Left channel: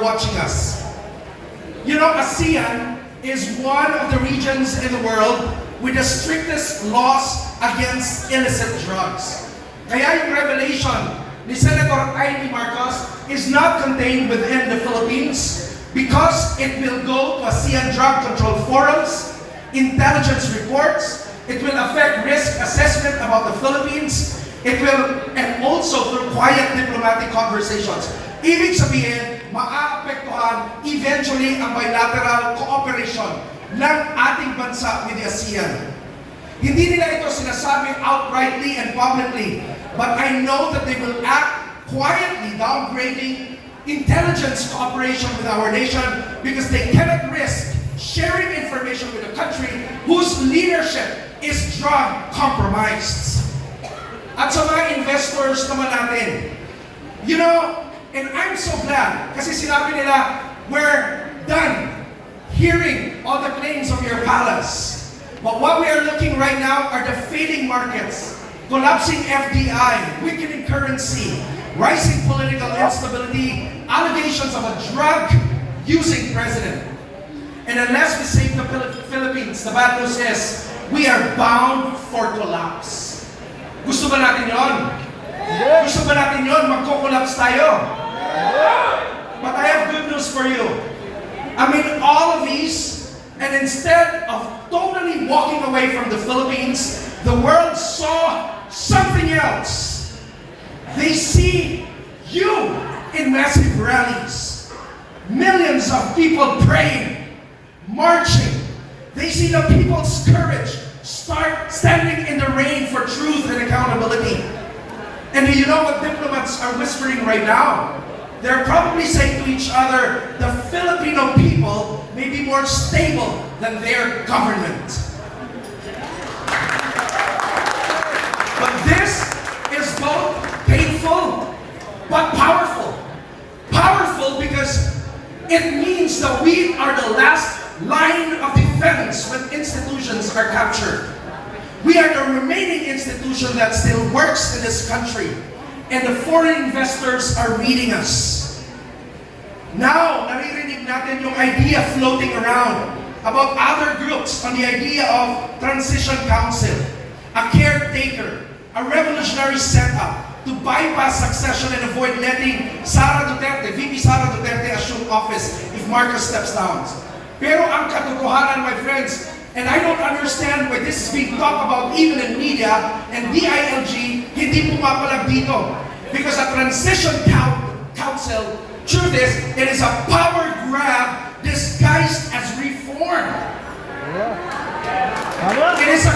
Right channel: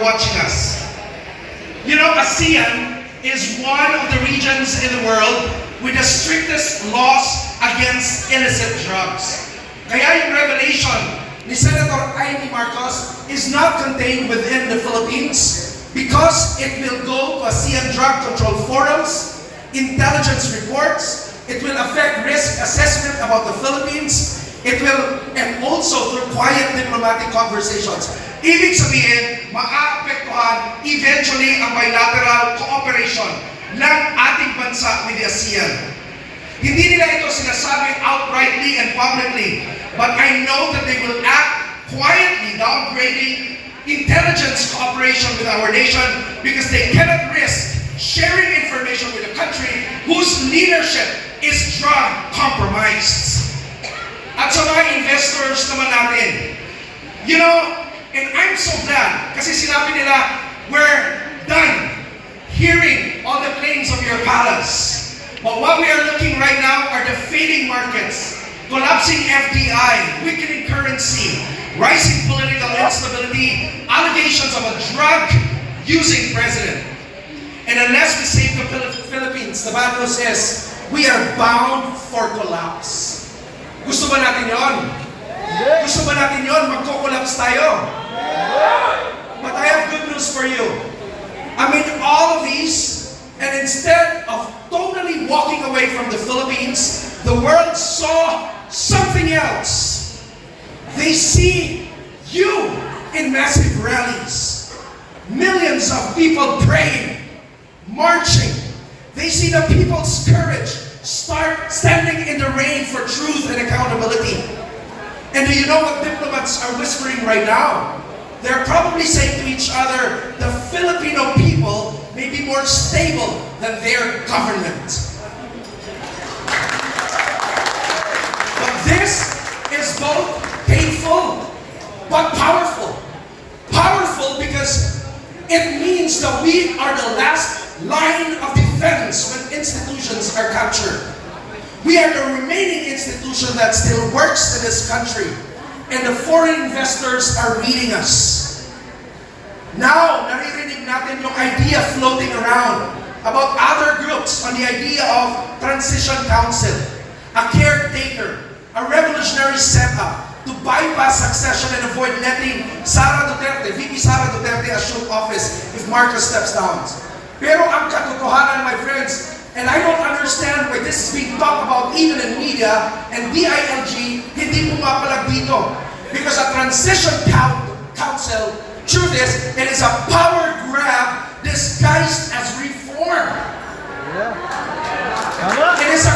are watching us. You know, ASEAN is one of the regions in the world with the strictest laws against illicit drugs. Kaya yung revelation ni Senator Amy Marcos is not contained within the Philippines because it will go to ASEAN drug control forums, intelligence reports, it will affect risk assessment about the Philippines, it will, and also through quiet diplomatic conversations. Ibig sabihin, maaapektuhan eventually ang bilateral cooperation ng ating bansa with the ASEAN. Hindi nila ito sinasabing outrightly and publicly, but I know that they will act quietly downgrading intelligence cooperation with our nation because they cannot risk sharing information with a country whose leadership is drug compromised. At sa mga investors naman natin, you know, and I'm so glad kasi sinabi nila, we're done hearing all the claims of your palace. But what we are looking right now are the failing markets, collapsing FDI, weakening currency, rising political instability, allegations of a drug-using president. And unless we save the Philippines, the bad news is, we are bound for collapse. Gusto ba natin yon? Gusto ba natin yon? Magko-collapse tayo. But I have good news for you. Amid all of these, and instead of totally walking away from the Philippines, the world saw something else. They see you in massive rallies. Millions of people praying, marching. They see the people's courage start standing in the rain for truth and accountability. And do you know what diplomats are whispering right now? They're probably saying to each other, the Filipino people may be more stable than their government. But this is both painful but powerful. Powerful because it means that we are the last line of defense when institutions are captured. We are the remaining institution that still works in this country. And the foreign investors are reading us. Now, naririnig natin yung idea floating around about other groups on the idea of transition council, a caretaker, a revolutionary setup to bypass succession and avoid letting Sara Duterte, VP Sara Duterte assume office if Marcos steps down. Pero ang katotohanan, my friends, and I don't understand why this is being talked about even in media, and DILG hindi pumapalag dito. Because a transition council, truth is, it is a power grab disguised as reform. Yeah. It is a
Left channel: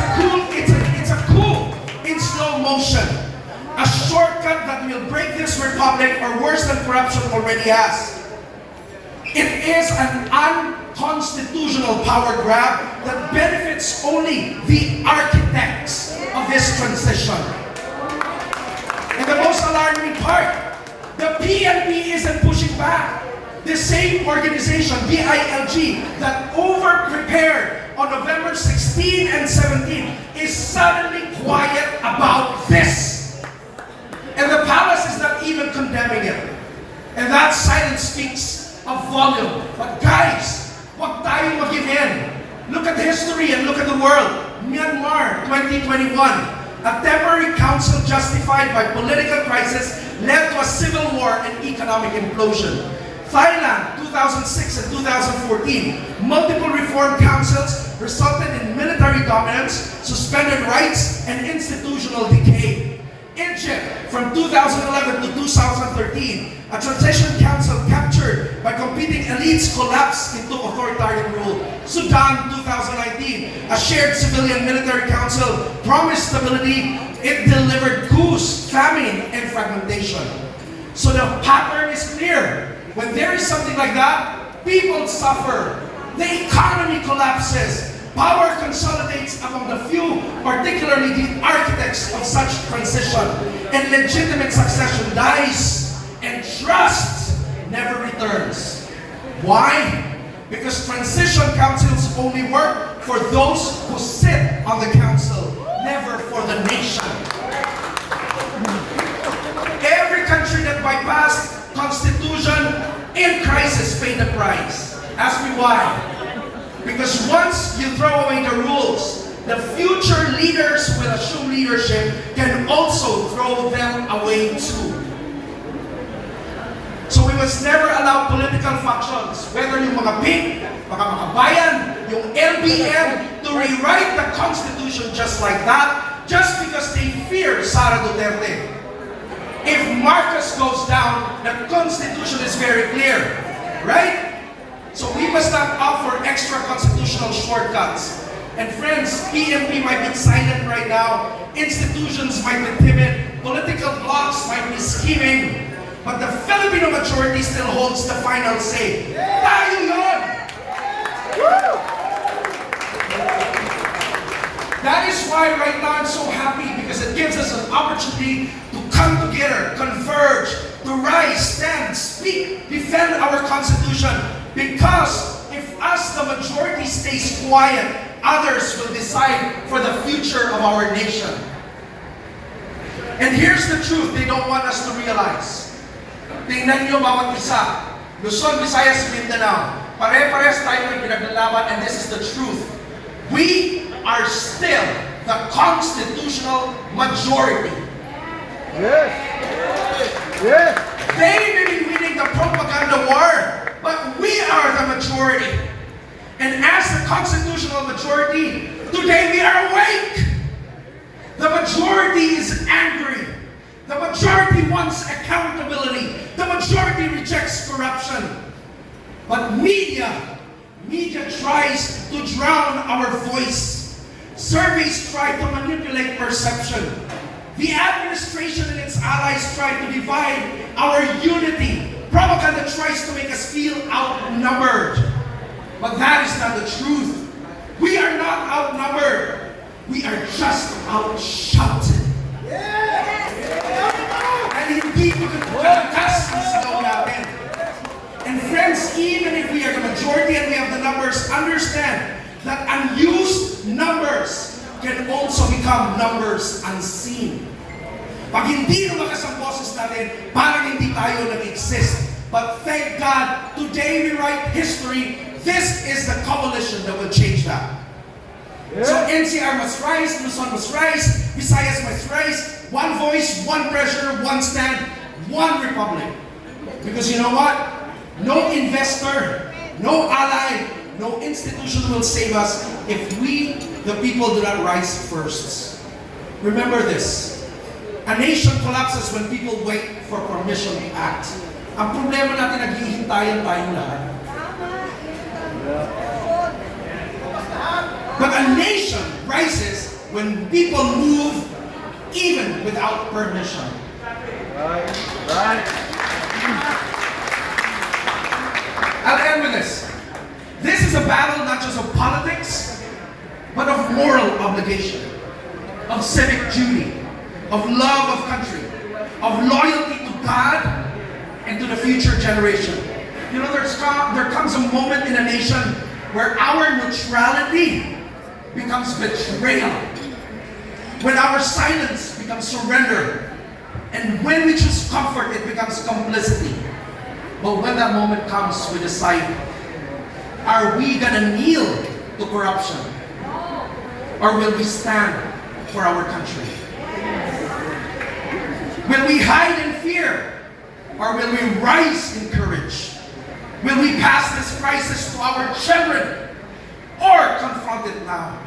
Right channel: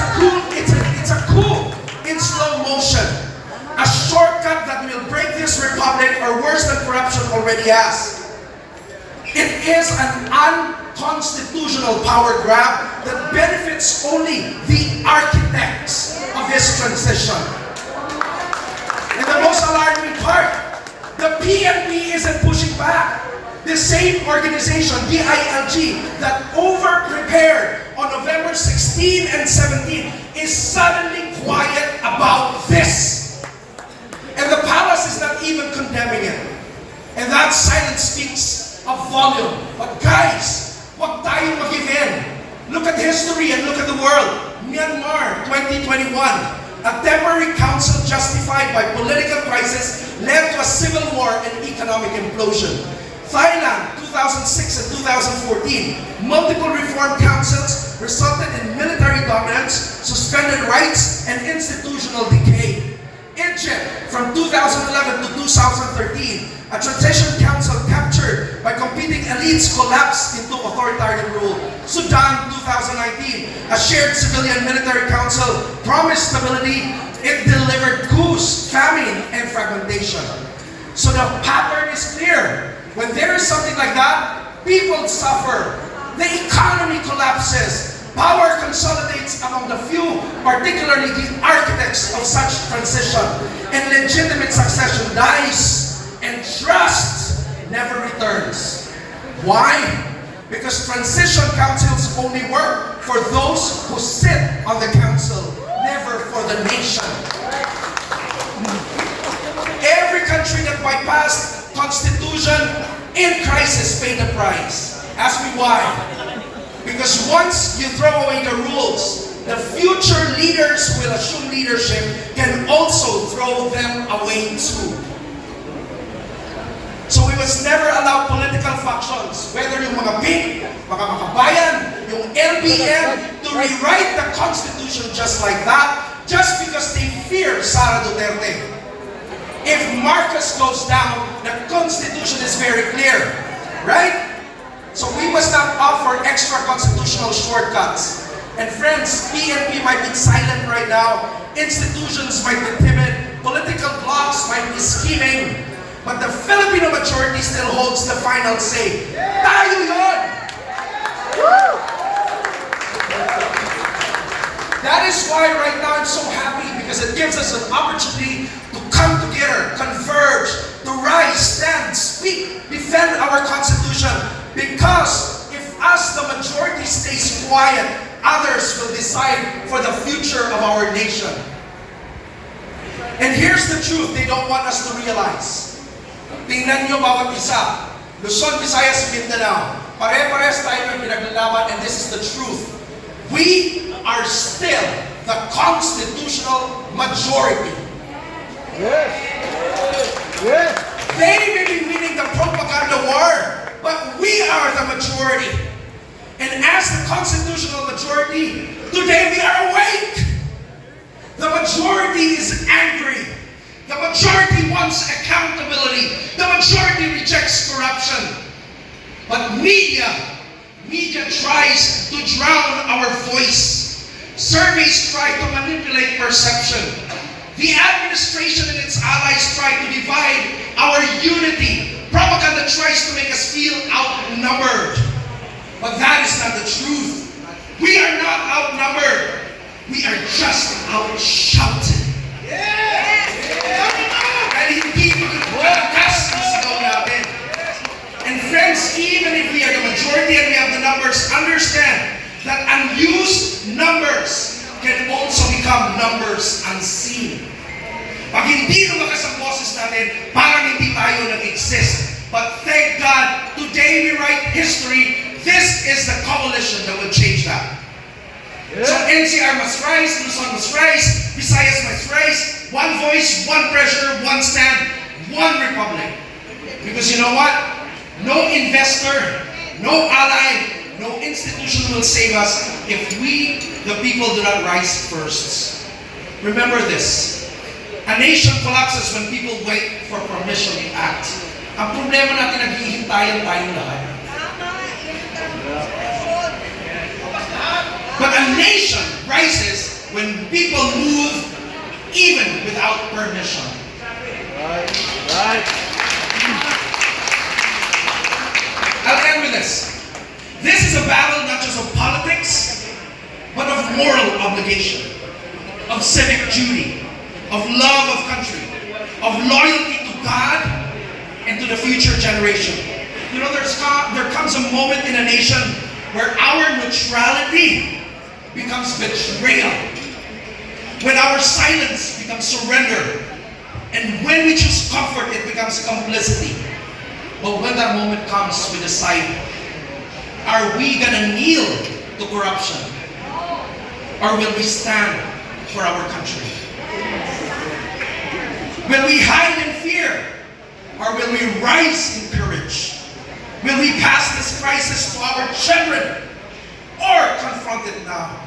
coup in slow motion. A shortcut that will break this republic or worse than corruption already has. It is an unconstitutional power grab that benefits only the architects of this transition. And the most alarming part, the PNP isn't pushing back. The same organization, DILG, that over-prepared on November 16 and 17 is suddenly quiet about this. And the palace is not even condemning it. And that silence speaks of volume. But guys, wag tayong mag-give in. Look at history and look at the world. Myanmar, 2021. A temporary council justified by political crisis led to a civil war and economic implosion. Thailand, 2006 and 2014, multiple reform councils resulted in military dominance, suspended rights, and institutional decay. Egypt, from 2011 to 2013, a transition council captured by competing elites collapsed into authoritarian rule. Sudan, 2019, a shared civilian-military council promised stability. It delivered coups, famine, and fragmentation. So the pattern is clear. When there is something like that, people suffer. The economy collapses. Power consolidates among the few, particularly the architects of such transition. And legitimate succession dies. And trust never returns. Why? Because transition councils only work for those who sit on the council, never for the nation. Every country that bypassed constitution in crisis is pay the price. Ask me why. Because once you throw away the rules, the future leaders who will assume leadership can also throw them away too. So we must never allow political factions, whether yung mga pink, mga makabayan, yung LBM, to rewrite the Constitution just like that, just because they fear Sara Duterte. If Marcos goes down, the Constitution is very clear, right? So we must not offer extra constitutional shortcuts. And friends, PNP might be silent right now, institutions might be timid, political blocs might be scheming, but the Filipino majority still holds the final say. Tayo yun! Woo! That is why right now I'm so happy, because it gives us an opportunity to come together, converge, to rise, stand, speak, defend our Constitution. Because if us, the majority, stays quiet, others will decide for the future of our nation. And here's the truth they don't want us to realize. Tingnan nyo bawat isa. Luzon, Visayas, Mindanao. Pare-parehas tayo ng pinaglalaban, and this is the truth. We are still the constitutional majority. Yes. Yes. They may be winning the propaganda war, but we are the majority. And as the constitutional majority, today we are awake. The majority is angry. The majority wants accountability. The majority rejects corruption. But media tries to drown our voice. Surveys try to manipulate perception. The administration and its allies try to divide our unity. Propaganda tries to make us feel outnumbered. But that is not the truth. We are not outnumbered. We are just outshouted. And hindi ko kalakas ang sigaw natin. And friends, even if we are the majority and we have the numbers, understand that unused numbers can also become numbers unseen. Pag hindi lumakas ang boses natin, parang hindi tayo nag-exist. But thank God, today we write history. This is the coalition that will change that. Yeah. So NCR must rise, Luzon must rise, Visayas must rise. One voice, one pressure, one stand, one republic. Because you know what? No investor, no ally, no institution will save us if we, the people, do not rise first. Remember this. A nation collapses when people wait for permission to act. Ang problema natin, naghihintayan tayong lahat. But a nation rises when people move even without permission. Right. Right. I'll end with this. This is a battle not just of politics, but of moral obligation, of civic duty, of love of country, of loyalty to God and to the future generation. You know, there comes a moment in a nation where our neutrality becomes betrayal, when our silence becomes surrender, and when we choose comfort, it becomes complicity. But when that moment comes, we decide, are we gonna kneel to corruption? Or will we stand for our country? Will we hide in fear? Or will we rise in courage? Will we pass this crisis to our children? Or confront it now?